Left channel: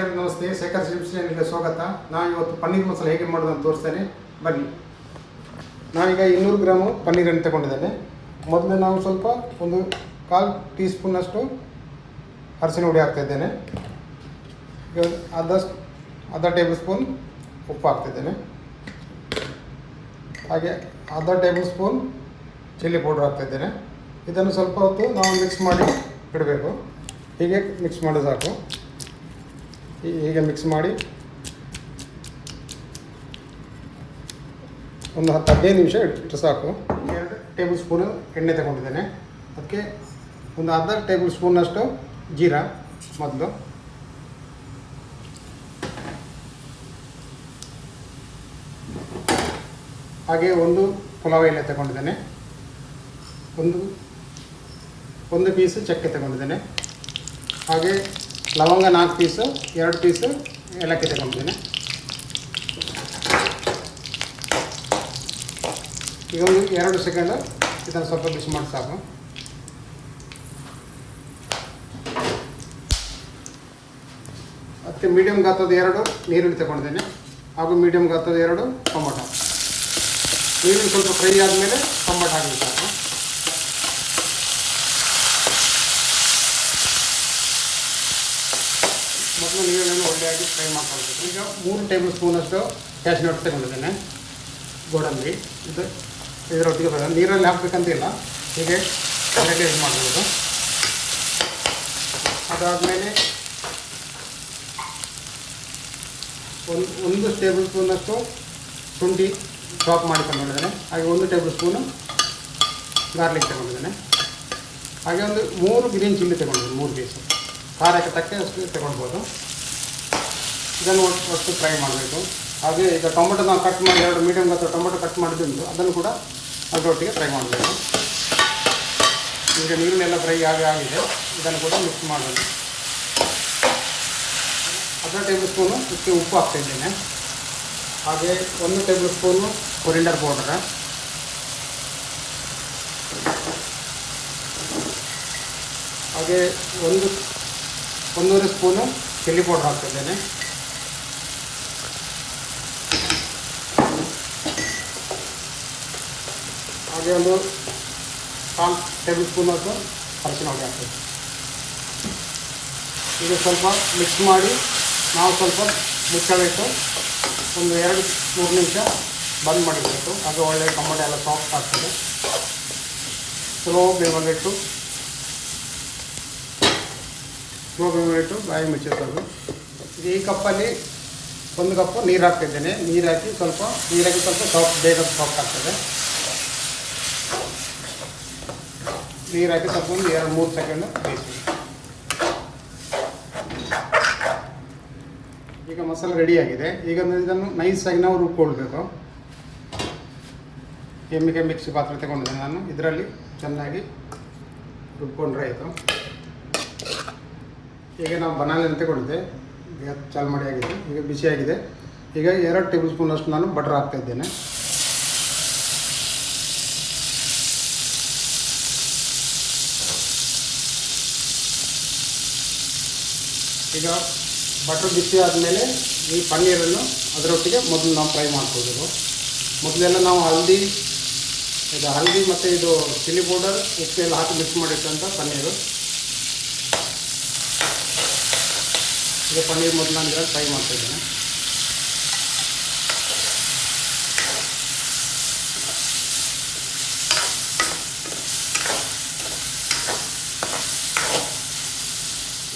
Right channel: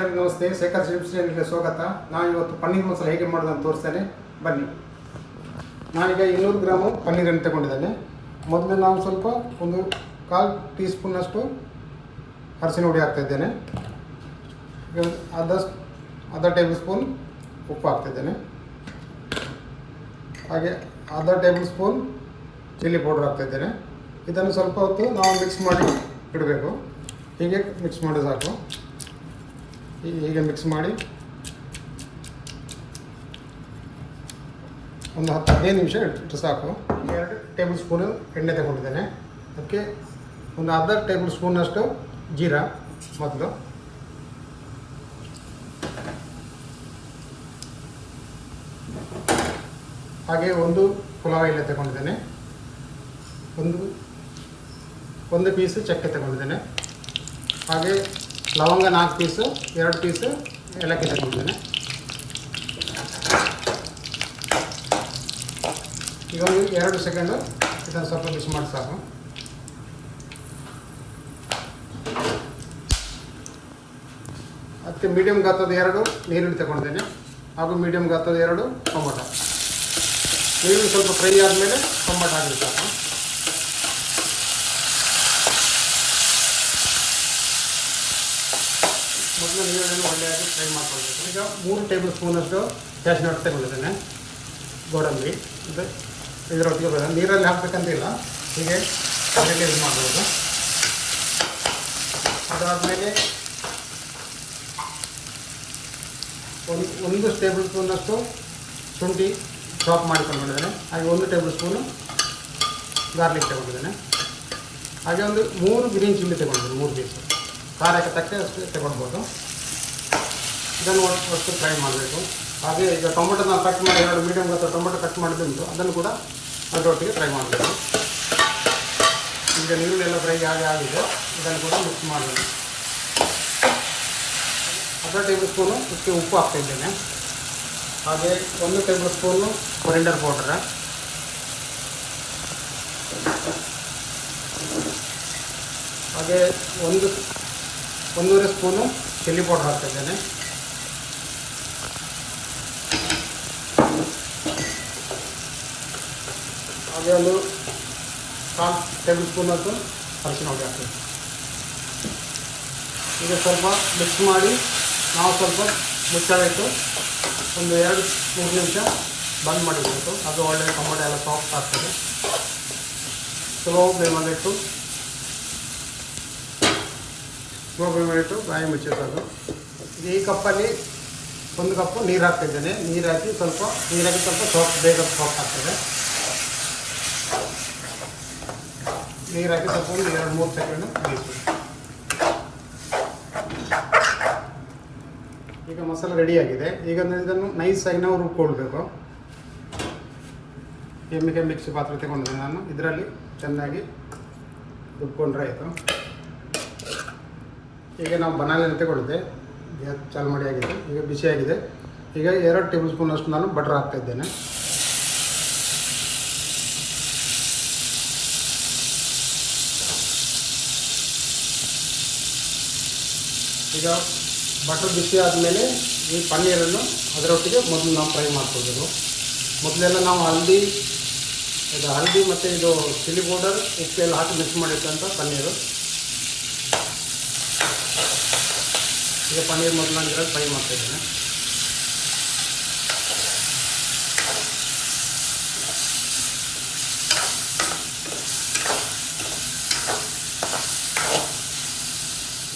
ನಮಸ್ತೆ, ಶೇಖರ್ ಶ್ರೀನಿಗೆ ಸ್ವಾಗತ. ನಾವು ಇವತ್ತು ಪನ್ನೀರ್ ಮಸಾಲ ಹೇಗೆ ಮಾಡೋದು ಅಂತ ತೋರಿಸ್ತೇನೆ, ಬನ್ನಿ. ನಾವೀಗ 200 ಗ್ರಾಮ್ ಪನ್ನೀರನ್ನು ತಗೊಂಡಿದ್ದೇನೆ. ಮೊದಲು ನಾವು ಸ್ವಲ್ಪ ಒಂದು 1/4 ಟೀ ಸ್ಪೂನಷ್ಟು ಅರಿಶಿನ ಹುಡಿ ಹಾಕ್ತಾ ಇದ್ದೇನೆ. ಈಗ ಅರ್ಧ ಟೇಬಲ್ ಸ್ಪೂನ್ ಉಪ್ಪು ಹಾಕ್ತಿದ್ದೇನೆ. ಹಾಗೆ ಅರ್ಧ ಟೇಬಲ್ ಸ್ಪೂನ್ ಚಿಲ್ಲಿ ಪೌಡರ್ ಹಾಕ್ತಾಯಿದ್ದೇನೆ. ಇದನ್ನು ಸ್ವಲ್ಪ ಹೊತ್ತು ನಾವು ಮಿಕ್ಸ್ ಮಾಡಿ ಬಿಡಬೇಕು. ಹೀಗೆ ಮಿಕ್ಸ್ ಮಾಡೋದು ಸಾಕು. ಹೀಗೆ ಮಿಕ್ಸ್ ಮಾಡಿ ಒಂದು 10-15 ನಿಮಿಷ ಇಟ್ಟರೆ ಸಾಕು. 2 ಟೇಬಲ್ ಸ್ಪೂನು ಎಣ್ಣೆ ತಗೊಂಡಿದ್ದೇನೆ. ಅದಕ್ಕೆ ಒಂದು ಅರ್ಧ ಟೇಬಲ್ ಸ್ಪೂನಷ್ಟು ಜೀರಾ ಮೊದಲು, ಹಾಗೆ ಒಂದು ಪುಲಾವ್ ಎಲೆ ತಗೊಂಡಿದ್ದೇನೆ. ಒಂದು ಪೀಸು ಚಕ್ಕೆ ತಗೊಂಡಿದ್ದೇನೆ. ಹಾಗೆ ಲವಂಗ 4 ಪೀಸು, 2 ಪೀಸು ಏಲಕ್ಕಿ ತಗೊಂಡಿದ್ದೇನೆ. ಈಗ ಒಂದು 2 ಸೆಕೆಂಡು ಇದನ್ನು ಸ್ವಲ್ಪ ಬಿಸಿ ಮಾಡಿ ಸಾಕು. ಅದಕ್ಕೆ ಮೀಡಿಯಂ ಗಾತ್ರದ 2 ನೀರುಳ್ಳಿ ತಗೊಂಡಿದ್ದೇನೆ, ಹಾಗೂ ಮೀಡಿಯಂ ಗಾತ್ರದ 2 ಟೊಮೊಟೊ. ನೀರುಳ್ಳಿ ಸ್ವಲ್ಪ ಫ್ರೈ ಆದಮೇಲೆ ಟೊಮೊಟೊ ಹಾಕಿ ಸಾಕು. ಮೊದಲು ನೀರನ್ನು ಒಳ್ಳೆಯಾಗಿ ಫ್ರೈ ಮಾಡ್ಕೊಳ್ಬೇಕು. ಈಗ 3 ಟೇಬಲ್ ಸ್ಪೂನಷ್ಟು ಕ್ಯಾಶ್ನಟ್ ತಗೊಂಡಿದ್ದೇನೆ, ಗೋಡಂಬಿ. ಇದರೊಟ್ಟಿಗೆ ಬರೋದು ನೀರಲ್ಲಿ ಹಾಕಬೇಕಂತಿಲ್ಲ, ಹೀಗೆ ಅದಕ್ಕೆ ಯೂಸ್ ಮಾಡಬಹುದು. ಅದಾದಮೇಲೆ ಒಂದು ಟೇಬಲ್ ಸ್ಪೂನಷ್ಟು ಶುಂಠಿ ಚಾಪ್ ಮಾಡಿಕೊಂಡಿದ್ದೇನೆ. ಹಾಗೆ 1 ಟೇಬಲ್ ಸ್ಪೂನು ಗಾರ್ಲಿಕ್ ತಗೊಂಡಿದ್ದೇನೆ. ಹಾಗೆ ಒಂದು 3 ಗ್ರೀನ್ ಚಿಲ್ಲಿ ತಗೊಂಡಿದ್ದೇನೆ, 3 ಪೀಸ್. ಖಾರಕ್ಕೆ ತಕ್ಕಷ್ಟು ತಗೊಳ್ಬೋದು. ಇದನ್ನು ಅಷ್ಟು ಫ್ರೈ ಮಾಡಬೇಕು. ಹಾಗೆ ಈಗ ಟೊಮೊಟೊ ನಾವು ಕಟ್ ಮಾಡಿ 2 ಮೀಡಿಯಂ ಗಾತ್ರ ಟೊಮೊಟೊ ಕಟ್ ಮಾಡಿದ್ದು ಅದನ್ನು ಕೂಡ ಅದರೊಟ್ಟಿಗೆ ಫ್ರೈ ಮಾಡಬೇಕು. ಈಗ ನೀರಿನೆಲ್ಲ ಫ್ರೈ ಆಗಿದೆ, ಇದನ್ನು ಕೂಡ ಮಿಕ್ಸ್ ಮಾಡಬೇಕು. ಅರ್ಧ ಟೇಬಲ್ ಸ್ಪೂನು ಇದಕ್ಕೆ ಉಪ್ಪು ಹಾಕ್ತಾಯಿದ್ದೇನೆ. ಹಾಗೆ 1 ಟೇಬಲ್ ಸ್ಪೂನು ಕೊರಿಯಂಡರ್ ಪೌಡರ್, ಹಾಗೆ 1 ಸ್ಪೂನು ಚಿಲ್ಲಿ ಪೌಡರ್ ಹಾಕ್ತಿದ್ದೇನೆ. ಹಾಗೆ ಒಂದು 1/4 ಟೇಬಲ್ ಸ್ಪೂನಷ್ಟು ಅರಿಶಿನ ಹುಡಿ ಹಾಕ್ತೀವಿ. ಈಗ ಸ್ವಲ್ಪ ಮಿಕ್ಸ್ ಮಾಡಿ ನಾವು ಸ್ವಲ್ಪ ಮುಚ್ಚಬೇಕು. ಒಂದು 2-3 ನಿಮಿಷ ಬಂದ್ ಮಾಡಿಬೇಕು. ಅದು ಒಳ್ಳೆಯ ಟೊಮೊಟೊ ಎಲ್ಲ ಸಾಫ್ಟ್ ಆಗ್ತದೆ. ಸ್ಲೋ ಫ್ಲೇಮಲ್ಲಿಟ್ಟು ಬಾಯಿ ಮುಚ್ಚೋದು. ಈ ಕಪ್ಪಲ್ಲಿ 1 ಕಪ್ ನೀರು ಹಾಕ್ತಿದ್ದೇನೆ. ನೀರು ಹಾಕಿ ಸ್ವಲ್ಪ ಬೇಗ ಸಾಫ್ಟ್ ಆಗ್ತದೆ. ನೀರು ಹಾಕಿ ಸ್ವಲ್ಪ ಒಂದು 2-3 ಸೆಕೆಂಡು ಬೇಯಿಸಿ. ಈಗ ಮಸಾಲೆ ರೆಡಿಯಾಗಿದೆ. ಈಗ ಇದನ್ನು ನೈಸಾಗಿ ನಾವು ರುಬ್ಕೊಳ್ಬೇಕು. ಕೆಮ್ಮಿಗೆ ಮಿಕ್ಸಿ ಪಾತ್ರೆ ತಗೊಂಡಿದ್ದೆ ನಾನು. ಇದರಲ್ಲಿ ಚೆನ್ನಾಗಿ ರುಬ್ಕೊಂಡ್ರೆ ಆಯಿತು. ಈಗ ನಾವು ಬನಾಲಿನ ತಗೊಂಡಿದ್ದೆ, ಚಾಲು ಮಾಡಿ ಆಗಿದೆ. ಈಗ ಬಿಸಿಯಾಗಿದೆ. ಈಗ 2 ಟೇಬಲ್ ಸ್ಪೂನಷ್ಟು ನಾನು ಬಟರ್ ಹಾಕ್ತಾಯಿದ್ದೇನೆ. ಈಗ ಬಟರ್ ಬಿಸಿ ಆದಮೇಲೆ ಈ ಪನ್ನೀರನ್ನು ಅದರೊಟ್ಟಿಗೆ ಮೊದಲು ನಾವು ಫ್ರೈ ಮಾಡ್ಕೋಬೇಕು. ಮೊದಲೆಲ್ಲ ನಾವು ಹಲ್ದಿ ಮತ್ತು ಇದು ಚಿಲ್ಲಿ ಪೌಡರ್ ಎಲ್ಲ ಹಾಕಿ ಮಿಕ್ಸ್ ಮಾಡಿಟ್ಟಂಥ ಪನ್ನೀರು. ಈಗ ಪನ್ನೀರ್ ಮೊದಲು ನಾನು ಇದರಲ್ಲಿ ಫ್ರೈ ಮಾಡ್ತಾಯಿದ್ದೀನಿ.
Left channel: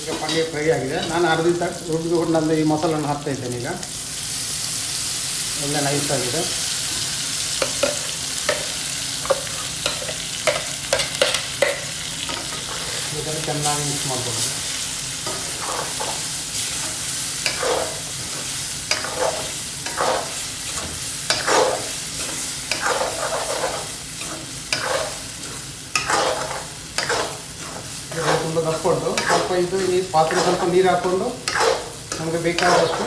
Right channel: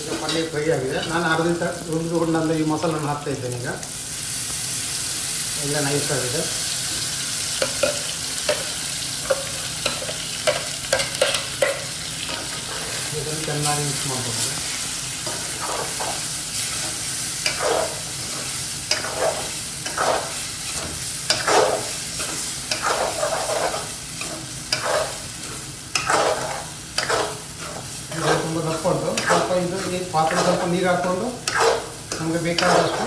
ಈಗ ಪನ್ನೀರ್ ಫ್ರೈ ಆಗಿದೆ. ನಾನು ಅರ್ಧ ರುಬ್ಬಿಕೊಂಡು ಈ ಮಸಾಲನ್ನು ಹಾಕ್ತಾಯಿದ್ದೇನೆ. ಈಗ ಎಲ್ಲ ನೈಸ್ ಆಗಿದೆ. ಇದನ್ನು ಚೆನ್ನಾಗಿ ಮಿಕ್ಸ್ ಮಾಡ್ಬೋದು. ತುಂಬ ಹಾಕ್ಕೊಂಡು ಸ್ವಲ್ಪ ಈ ಪಾತ್ರೆ ಸ್ವಲ್ಪ ನೀರು ಹಾಕ್ಕೊಂಡು ನಮಗೆ ಬೇಕಾದಷ್ಟು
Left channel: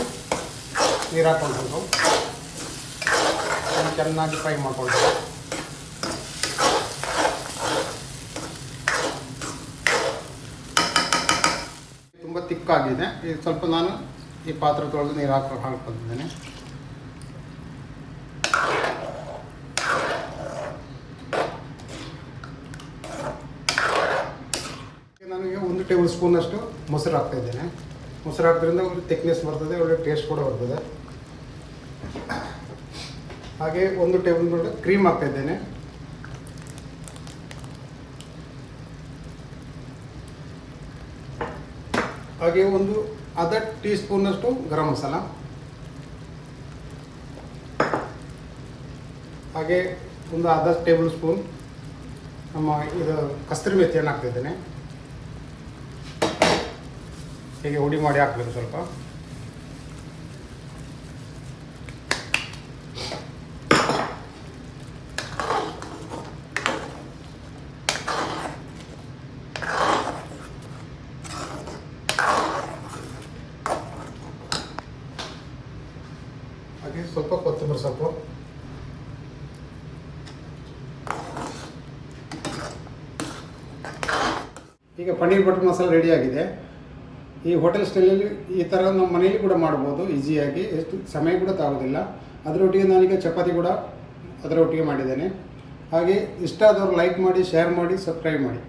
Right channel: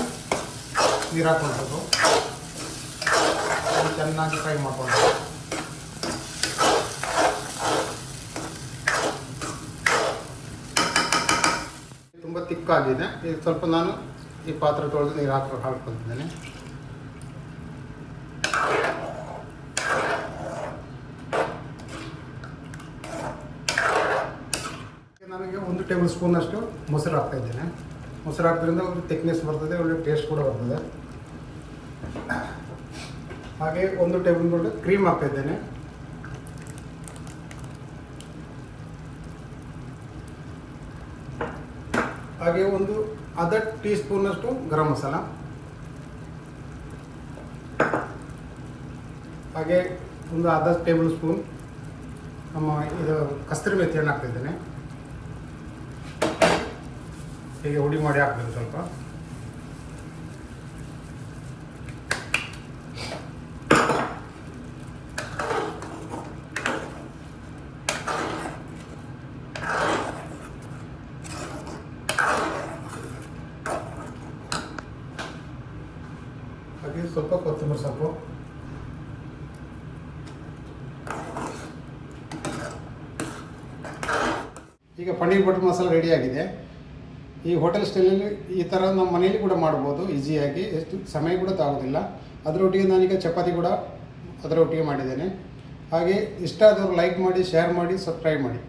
ನೀರು ಹಾಕ್ಕೊಳ್ಬೇಕು. ಚೆನ್ನಾಗಿ ಫ್ರೈ ಮಾಡ್ಕೊಳ್ಬೇಕು. ತುಂಬ ತಿಕ್ಕಾಗಿದೆ. ಇದು ಸ್ವಲ್ಪ ನಾನು ಈ ಪಾತ್ರೆ ತೊಳೆದು ನೀರು ಹಾಕ್ಕೊತಿದ್ದೇನೆ. ನನಗೆ 1 ಟೇಬಲ್ ಸ್ಪೂನಷ್ಟು ಮೊಸರು ಹಾಕ್ತಾಯಿದ್ದೇನೆ. ಮೊಸರು ಹಾಕೋದ್ರಿಂದ ಒಂದು ಥಿಕ್ನೆಸ್ ಬರ್ತದೆ, ಒಳ್ಳೆ ಟೇಸ್ಟ್ ಕೂಡ ಬರ್ತದೆ. ಹಾಗೆ 1 ಟೇಬಲ್ ಸ್ಪೂನ್ ಕ್ರೀಮ್ ಹಾಕ್ತಾಯಿದ್ದೇನೆ. ಹಾಗೆ ಒಂದು ಅರ್ಧ ಟೀ ಸ್ಪೂನಷ್ಟು ಗರಂ ಮಸಾಲ, ಹಾಗೆ ಒಂದು ಅರ್ಧ ಟೇಬಲ್ ಸ್ಪೂನ್ ಇದು ಕಸ್ತೂರಿ ಮೆಥಿಯನ್ನು ಹಾಕ್ತಿದ್ದೇನೆ. ಹೀಗೆ ಹುಡಿ ಮಾಡಿ ಹಾಕಬೇಕು ಸ್ವಲ್ಪ. ಹಾಗೆ ಸ್ವಲ್ಪ ಕೊತ್ತಂಬರಿ ಸೊಪ್ಪು. ಈಗ ಪನ್ನೀರ್ ಬಟರ್ ಮಸಾಲ ರೆಡಿ ಆಗಿದೆ. ಈ ಹೋಟೆಲ್ ಸ್ಟೈಲಲ್ಲಿ ಈ ಥರ ನಮ್ಮ ಮನೆಯಲ್ಲಿ ಕೂಡ ಮಾಡ್ಬೋದು ಈಸಿಯಾಗಿ, ಎಷ್ಟು ಸಮಯ ಕೂಡ ತಾಗೋದಿಲ್ಲ. ಅದರೊಟ್ಟಿಗೆ ನಾನೀಗ ಚಪಾತಿ ಕೂಡ ಅದರೊಟ್ಟಿಗೆ ಮಾಡಿದ್ದೇನೆ. ಹಾಗೆ ಇಷ್ಟ ಆದವರು ಲೈಕ್ ಮಾಡಿ, ಶೇರ್ ಮಾಡಿ, ಸಬ್ಸ್ಕ್ರೈಬ್ ಮಾಡಿ.